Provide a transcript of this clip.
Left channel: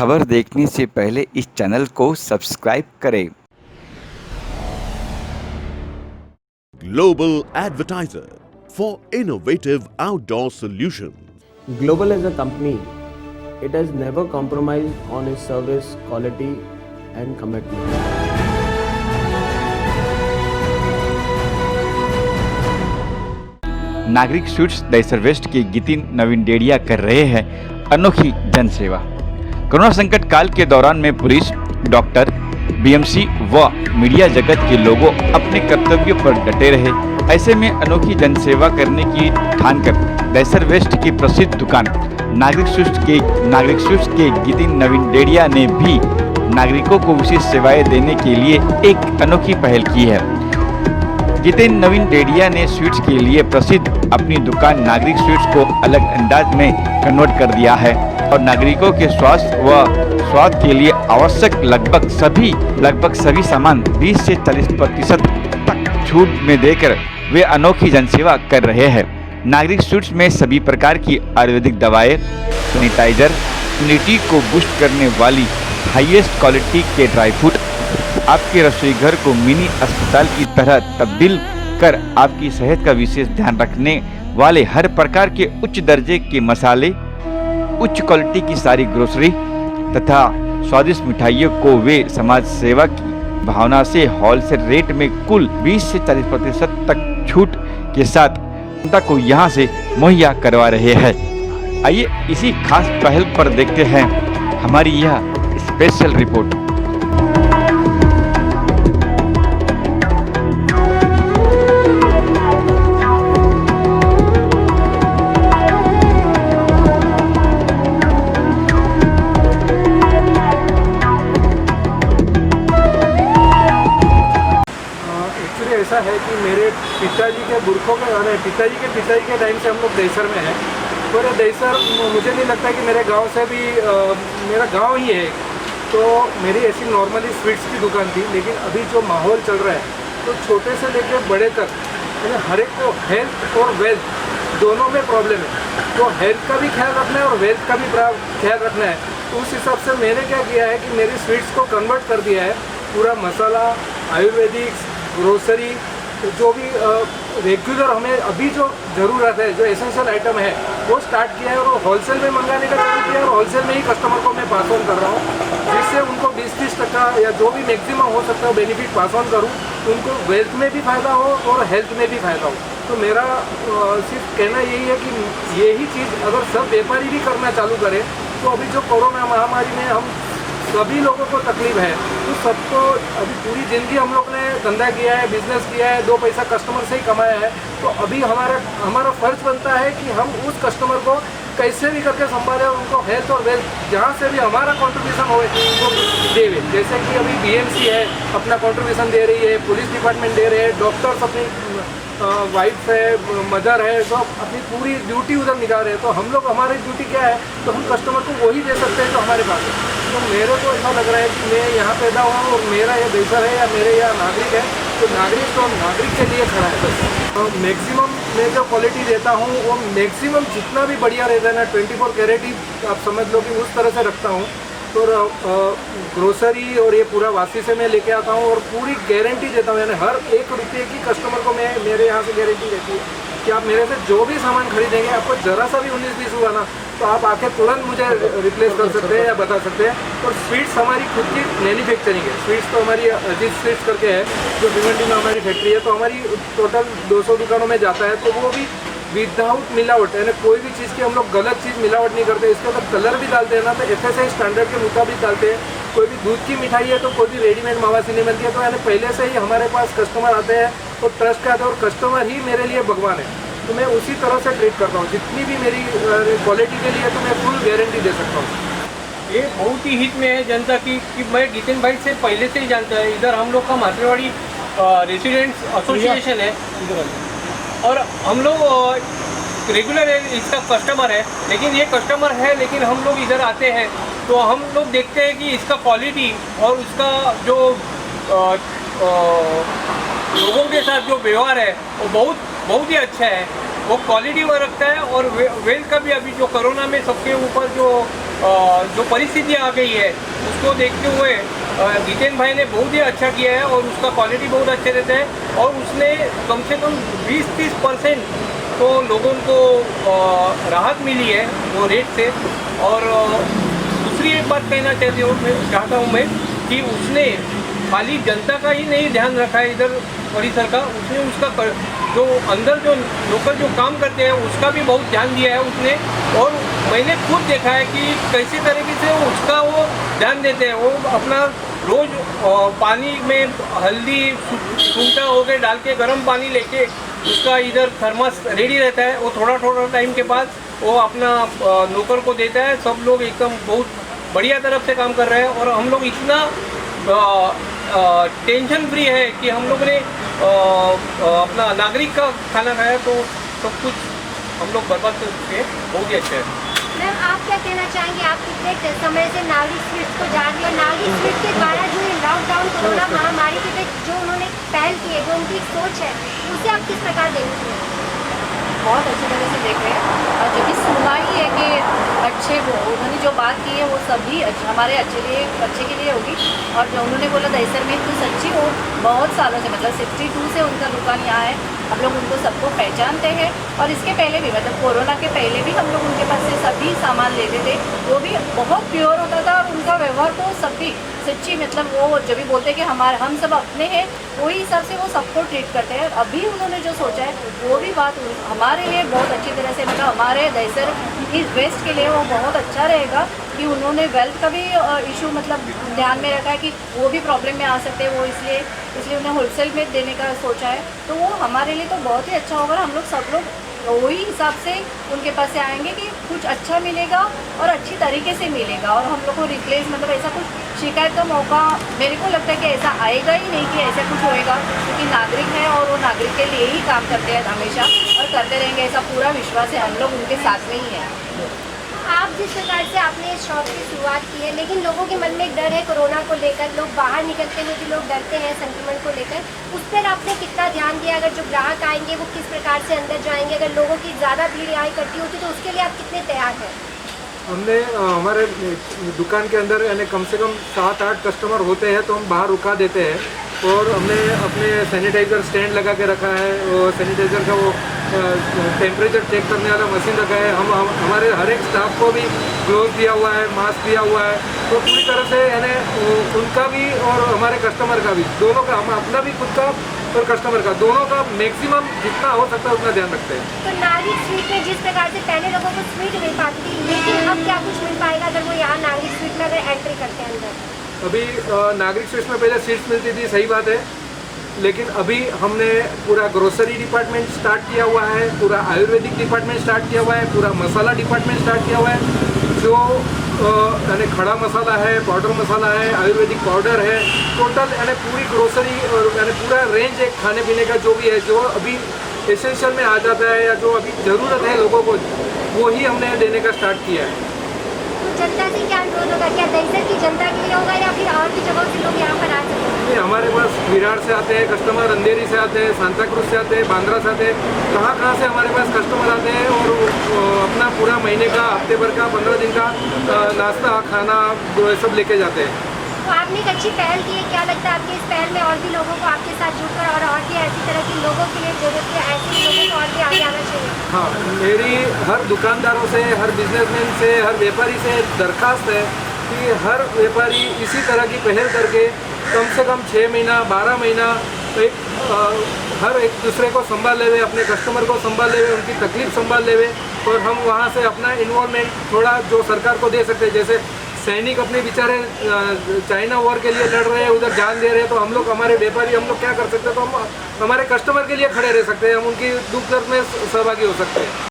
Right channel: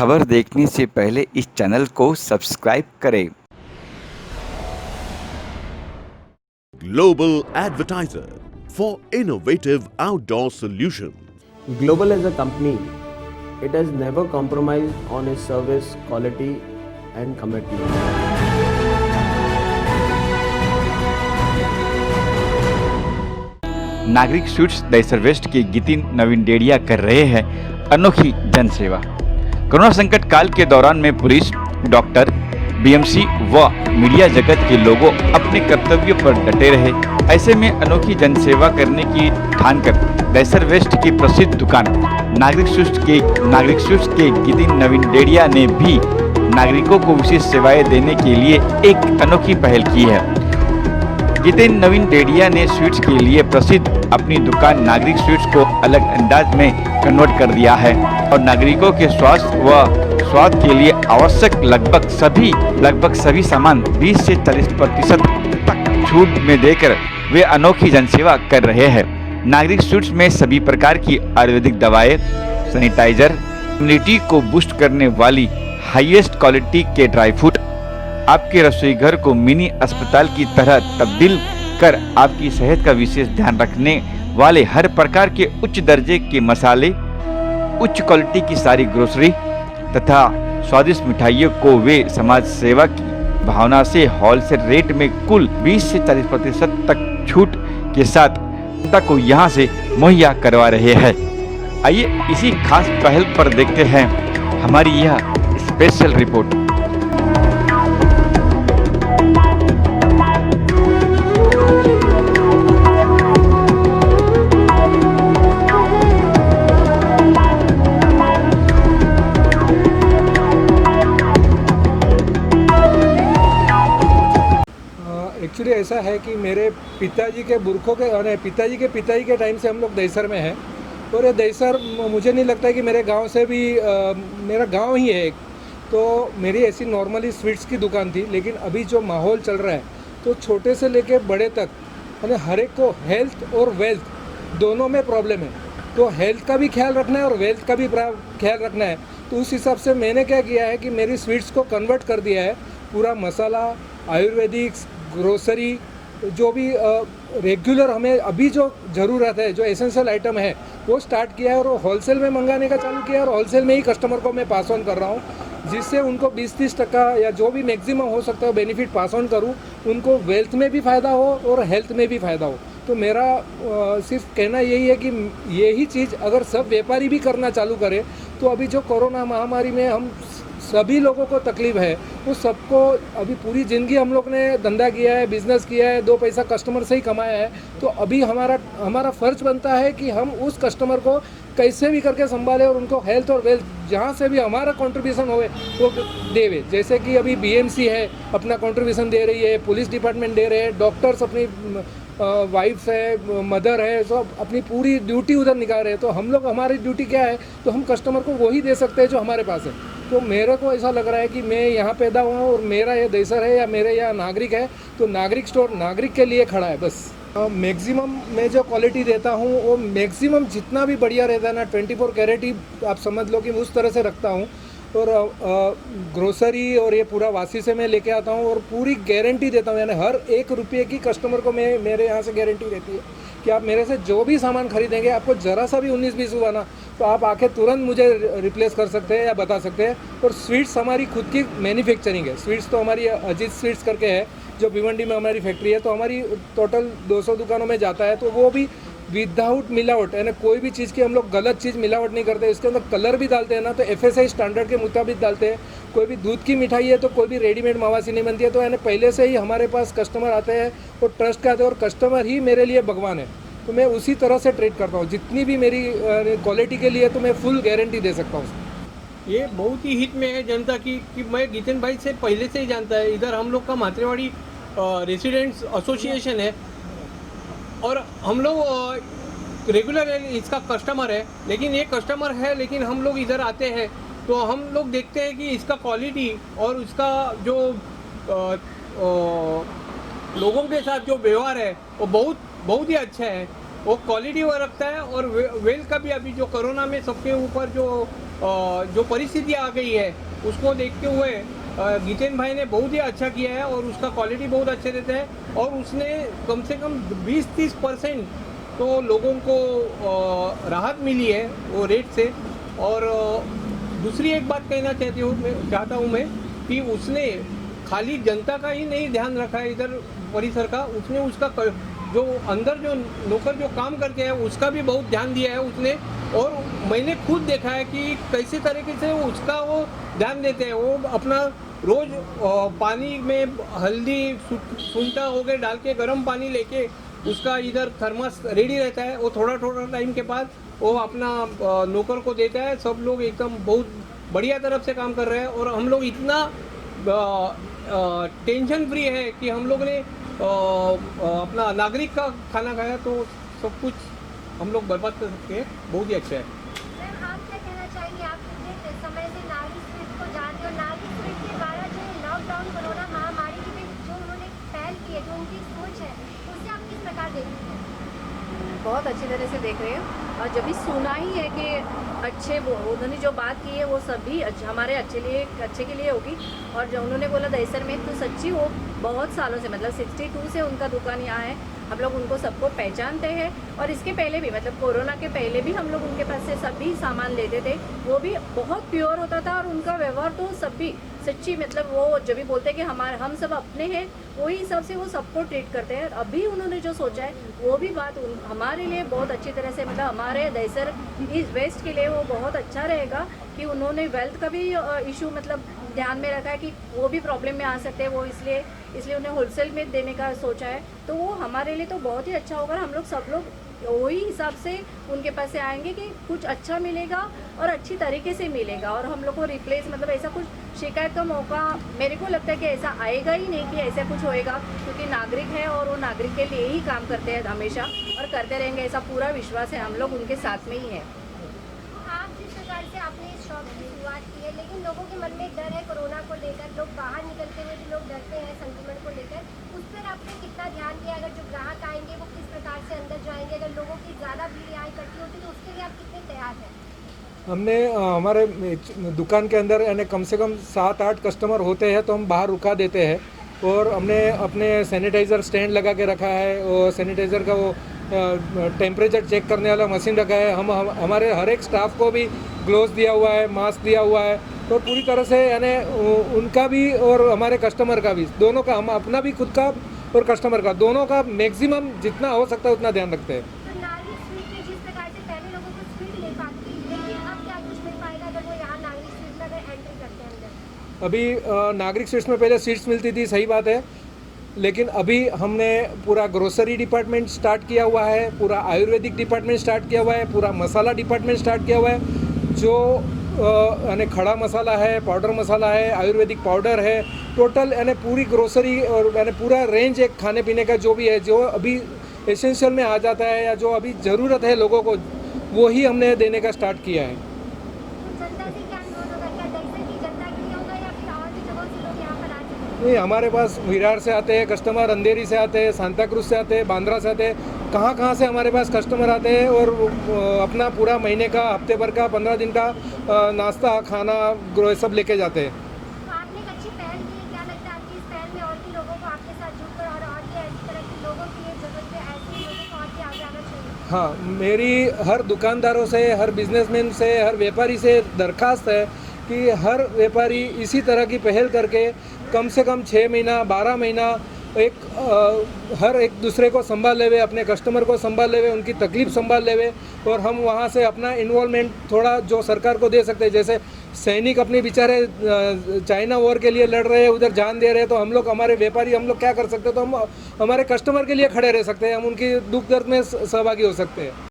खबर देखने से पहले इस चैनल को सब्सक्राइब करें। Global advertiser for innovative outdoor solutions. Global as a company, it has never compromised on its service quality and commitment. नागरिक स्वीट्स दहिसर वेस्ट के गितिन नवीन डेडिया कर रहे हैं अनोखी जनसेवा। कोरोना संकट काल के दौरान में पुलिस, डॉक्टर, बीएमसी व मीडिया जगत के लोगों अपने कर्तव्यों पर डटे रहे। ऐसे में अनोखी जनसेवा करने की ठान कर दहिसर वेस्ट की प्रसिद्ध दुकान नागरिक स्वीट्स के गितिन नवीन डेडिया ने भी नागरिकों को विशेष सेवाएं देने के लिए एक अनोखी पहल की है। गितिन नवीन डेडिया ने स्वीट्स के लिए प्रसिद्ध अपनी दुकान नागरिक स्वीट्स को अलग अंदाज में कन्वर्ट कर दिया है और नागरिकों के स्वास्थ्य व स्वाद के लिए आवश्यक लगभग सभी सामान 20 से 40% तक छूट में देकर वे अनोखी जनसेवा कर रहे हैं। नागरिक स्वीट्स में सभी प्रकार की आयुर्वेदिक दवाएं, सैनिटाइजर, इम्यूनिटी को बूस्ट करने वाली हाईएस्ट क्वालिटी के ड्राई फ्रूट, आपके रसोई घर को मिनी अस्पताल की तरह तब्दील कर आपकी सेहत का विशेष ध्यान रखने वाले हर प्रकार के उच्च दर्जे के मसाले, उच्च क्वालिटी की सारी ग्रोसरी तथा स्वादिष्ट मिठाइयों को वे समाज सेवा की भावना से होलसेल रेट में कुल 20 से 40% तक छूट के साथ जनता को यहां से मुहैया करवा रहे हैं। आइए इसी खास पहल पर देखते हैं हमारी यह स्पेशल रिपोर्ट। एक्चुअली ऐसा है कि मेरे पिताजी के पिताजी के टाइम से हम लोग दहिसर में हैं और ये दहिसर मुझे नहीं लगता कि मेरे गांव से भी मेरा गांव ही है एक। तो मेरी ऐसी नॉर्मली स्वीट्स की दुकान थी, लेकिन अभी जो माहौल चल रहा है तो छोटे से लेकर बड़े तक हर एक को हेल्थ और वेल्थ दोनों में प्रॉब्लम है। तो हेल्थ का भी ख्याल रखना है और वेल्थ का भी ख्याल रखना है। तो उस हिसाब से मैंने क्या किया है कि मेरी स्वीट्स को कन्वर्ट कर दिया है। पूरा मसाला, आयुर्वेदिक्स, ग्रोसरी, जो भी रेगुलर हमें अभी जो ज़रूरत है, जो एसेंशियल आइटम है, वो स्टार्ट किया है और वो होलसेल में मंगाने का चालू किया है और होलसेल में ही कस्टमर को मैं पास ऑन कर रहा हूँ, जिससे उनको 20-30% या जो भी मैक्सिमम हो सकता है बेनिफिट पास ऑन करूँ, उनको वेल्थ में भी फ़ायदा हो और हेल्थ में भी फ़ायदा हो। तो मेरा सिर्फ कहना यही है कि यही चीज़ अगर सब व्यापारी भी करना चालू करें तो अभी जो कोरोना महामारी में हम सभी लोगों को तकलीफ है, तो सबको अभी पूरी ज़िंदगी हम लोग ने धंधा किया है, बिजनेस किया है, 2 पैसा कस्टमर से ही कमाया है। तो अभी हमारा फ़र्ज बनता है कि हम उस कस्टमर को कैसे भी करके संभालें और उनको हेल्थ और वेल्थ जहाँ से भी हमारा कंट्रीब्यूशन हो वो देवे। जैसे कि अभी बीएमसी है अपना कंट्रीब्यूशन दे रही है, पुलिस डिपार्टमेंट दे रहे हैं, डॉक्टर्स अपनी वाइफ है, मदर है, तो अपनी पूरी ड्यूटी उधर निकाल रहे हैं। तो हम लोग, हमारी ड्यूटी क्या है, तो हम कस्टमर को वही दे सकते हैं जो हमारे पास है। तो मेरे को ऐसा लग रहा है कि मैं यहाँ पैदा हुआ हूँ और मेरा ये दहिसर है या मेरे यहाँ नागरिक है, तो नागरिक स्टोर नागरिक के लिए खड़ा है बस। मैक्सिमम मैं जो क्वालिटी देता हूँ वो मैक्सिमम जितना भी बढ़िया रहता है ना, 24 कैरेट ही आप समझ लो कि उस तरह से रखता हूँ। तो ग्रोसरी और ये पूरा वासी से मैं लेके आता हूँ और पूरी गारंटी देता हूँ, यानी हर 1 रुपये की कस्टमर को मेरे यहाँ से गारंटी रहती है कि आप मेरे से जो भी सामान खरीदेंगे, आपको ज़रा सा भी 19-20 हुआ ना, तो आप आके तुरंत मुझे रिप्लेस कर सकते हैं या बता सकते हैं। और स्वीट्स हमारी खुद की मैन्युफैक्चरिंग है। स्वीट्स तो हमारी अजीत स्वीट्स करके है जो भिवंडी में हमारी फैक्ट्री है, तो हमारी टोटल 200 दुकानों में जाता है। तो वो भी विदाउट मिलावट, यानी कोई भी चीज़ की हम लोग गलत चीज़ मिलावट नहीं करते। इसके अंदर कलर भी डालते हैं ना, तो FSI स्टैंडर्ड के मुताबिक डालते हैं। कोई भी दूध की मिठाई है तो कोई भी रेडीमेड मावासी नहीं बनती है। तो यानी पहले से ही हमारे पास कस्टमर आते हैं और ट्रस्ट का आते हैं और कस्टमर ही मेरे लिए भगवान है। तो मैं उसी तरह से ट्रीट करता हूँ। जितनी भी मेरी क्वालिटी के लिए तो मैं फुल गारंटी दे सकता हूँ। ये बहुत ही हिट में है जनता की कि मैं गितिन भाई से पहले से ही जानता है। इधर हम लोग का मातृवाड़ी रेसिडेंट्स एसोसिएशन है और हम लोग रेगुलर इसका कस्टमर है। लेकिन ये कस्टमर है, लेकिन हम लोग इधर आते हैं तो हम लोग देखते हैं कि इसका क्वालिटी और उसका जो लोगों के साथ जो व्यवहार है वो बहुत ही अच्छा है। वो क्वालिटी वो रखता है और वेल्थ का भी। अभी जो कोरोना में सबके ऊपर जो जो परिस्थिति आ गई है उसको देखते हुए जितेन भाई ने बहुत ही अच्छा किया है और उसका क्वालिटी बहुत अच्छे रहते हैं और उसने कम से कम 20-30% तो लोगों को राहत मिली है वो रेट से। और दूसरी एक बात कहना चाहता हूँ मैं कि उसने खाली जनता का ही नहीं ध्यान रखा है इधर परिसर का, उसने उसका जो अंदर जो लोकल जो काम करते हैं उसका भी बहुत ध्यान दिया है उसने। और मैंने खुद देखा है कि कैसे तरीके से उसका वो ध्यान देते हैं। वो अपना रोज़ पानी में हल्दी सूंठा हो गए डाल के गर्म पानी लेके उसका इधर थर्मस रेडी रहता है। वो थोड़ा थोड़ा टाइम के बाद वो अपना नौकर को देता है। सब लोग एकदम बहुत बढ़िया तरफ से काम कर रहे हैं और हम लोग इतना टेंशन फ्री है कि हम लोग ने अपना नागरिक का खाना खाया तो सब कुछ हम लोग बर्बाद कर चुके हैं। बहुत ही अच्छा है। मैम आप क्या कहना चाहेंगे, आप कितने समय से नागरिक स्वीट्स को जान रही है, नागरिक स्वीट्स के द्वारा जो ये लॉकडाउन कोरोना महामारी के तहत जो उन्होंने पहल की है, जो उनकी सोच है, उसे आप किस प्रकार देखते हैं? बहुत अच्छी तरह से देख रहे हैं और जब भी सुनना ही है कि अच्छे वो उन्होंने जो बात की है वो सभी हमारे अच्छे के लिए होगी। और जो उन्होंने बोला दहीसर में तो सच्ची वो बहुत सालों से मतलब 62 से उनका दुकान यहाँ है। हम लोग उनको सबको पहचानते हैं और इसके पहले भी मतलब कोरोना के पहले भी हम लोग उनके पास से सभी सामान लेते थे। वो भी बहुत प्योर होता था और उनका व्यवहार तो सभी सच्ची मतलब वो जब भी बोलते कि हम सब अपने हैं वही हिसाब से वो सबको ट्रीट करते हैं। अभी उन्होंने जो सोचा है वो भी बात हमारे लिए बहुत अच्छी तरह से मतलब हमारे दहीसर ईस्ट वेस्ट के लिए वो बहुत अच्छा रहेगा कि उन्होंने वेल्थ का भी इशू मतलब ध्यान में रखा है कि वो भी प्रॉब्लम में आ सकते हैं। वो इसलिए उन्हें होलसेल में देने का सोचा है। तो वो हमारे लिए तो बहुत ही अच्छा होगा। हम लोग सब लोग वही हिसाब से उनके पास से आएंगे कि कुछ अच्छा मिलेगा और अच्छी तरीके से मिलेगा और हम लोग को रिप्लेस मतलब ऐसा कुछ शिकायत का मौका मेरे को लगता है कि ऐसा आएगा ही नहीं कि ऐसा कुछ होएगा, क्योंकि नागरिक है और वो नागरिक के लिए ही काम करते हैं हमेशा और करते रहेंगे, ऐसा पूरा विश्वास है। हम लोग उनके साथ में ही हैं। आप जिस प्रकार से आपने इस शॉप की शुरुआत की है, लेकिन लोगों के मन में एक डर है कोरोना को लेकर, लोग बाहर निकलते हुए भी लोग डरते हैं संक्रमण को लेकर, उस पर आपने कितना ध्यान दिया? अगर जो ग्राहक आएंगे वो किस प्रकार से अंदर जाएंगे, अगर लोगों की ज़्यादा भीड़ यहाँ इकट्ठी होती तो उसके लिए आप कितने तैयार हैं? हमने हमारे दुकान के अंदर यानी कम से कम 7-8 कस्टमर होते हैं तो हम बाहर रुका देते हैं और हमने अपने सैनिटाइज़र स्टैंड लगा के रखा है और सैनिटाइज़र का वो टेम्परेचर चेक करने वाला मशीन रखा है। हम हमारे हर एक स्टाफ को भी ग्लोव दिया हुआ है, मास्क दिया हुआ है। तो पूरी तरह से यानी उनका भी और हमारे कस्टमर का भी दोनों का, हम अपना भी खुद का और कस्टमर का दोनों का मैक्सिमम जितना हो सकता है उतना ध्यान रखते हैं। तो नागरिक स्वीट में जिस प्रकार से पहले लोगों को स्वीट मिल पाती थी, लेकिन अब क्या कुछ मिल पाएगा अगर वो यहाँ नागरिक स्वीट में अगर एंट्री करते हैं अंदर? अभी नागरिक स्वीट्स में पहले सीट्स मिलती थी, सही बात है, लेकिन अभी हमने पूरा ग्रोसरी डिपार्टमेंट स्टार्ट किया हुआ है, पूरा आयुर्वेदिक डिपार्टमेंट स्टार्ट किया हुआ है, पूरा मसाला डिपार्टमेंट स्टार्ट किया हुआ है। जो यानी खड़ा मसाला है, पाउडर मसाला है, आयुर्वेदिक पाउडर है, टोटल यानी पूरी ग्रोसरी और यानी पूरा रेंज एक खाने पीने का जो भी है, जो अभी एसेंशियल में आ जाता है या जो अभी ज़रूरत है लोगों को, वो ही हमने देने का स्टार्ट किया है। जनता से क्या अनुरोध होगा? क्या दहीसर की जनता के लिए होगा या फिर और भी जगहों से लोग यहाँ पर आ सकते हैं? नहीं, हमारे पास विरार से आते हैं कस्टमर, अंधेरी से आते हैं, सांता क्रूज से आते हैं, बांद्रा से आते हैं, कहाँ से हमारे पास कस्टमर आते हैं और अपना पूरा महीने का, हफ्ते भर का, 15 दिन का नाश्ता खाना सब लेके जाते हैं। तो आपने एक अच्छी पहल की है, क्या लगता है आपकी इस पहल में और भी लोगों को आपके साथ जुड़कर और भी ऐसी तरह की लोगों के लिए जरूरत है, ऐसे लोगों को और भी आगे आना चाहिए? हाँ, मेरी हर दुकानदारों से, हर बिजनेसमैन से, हर व्यापारी से दरख्वास्त है कि हर व्यापारी इसी तरह की पहल करके कम से कम 6 महीना 12 महीना हर एक दूसरे को संभाल लेवे, अपने कस्टमर को संभाल लेवे, उनकी तकलीफ संभाल लेवे और हम वहाँ से अपना इन्वॉल्वमेंट थोड़ा जो सरकार को दे सकते हैं। जैसे सैनिक अपने बेचारे चाइना वॉर के लिए लड़ रहे हैं, उधर जान दे रहे हैं, तो हम लोग हमारे व्यापारी हम लोग क्या कर सकते हैं? तो हम हमारे कस्टमर के लिए खड़े रह सकते हैं, हम उनकी दुख दर्द में सहभागी हो सकते हैं।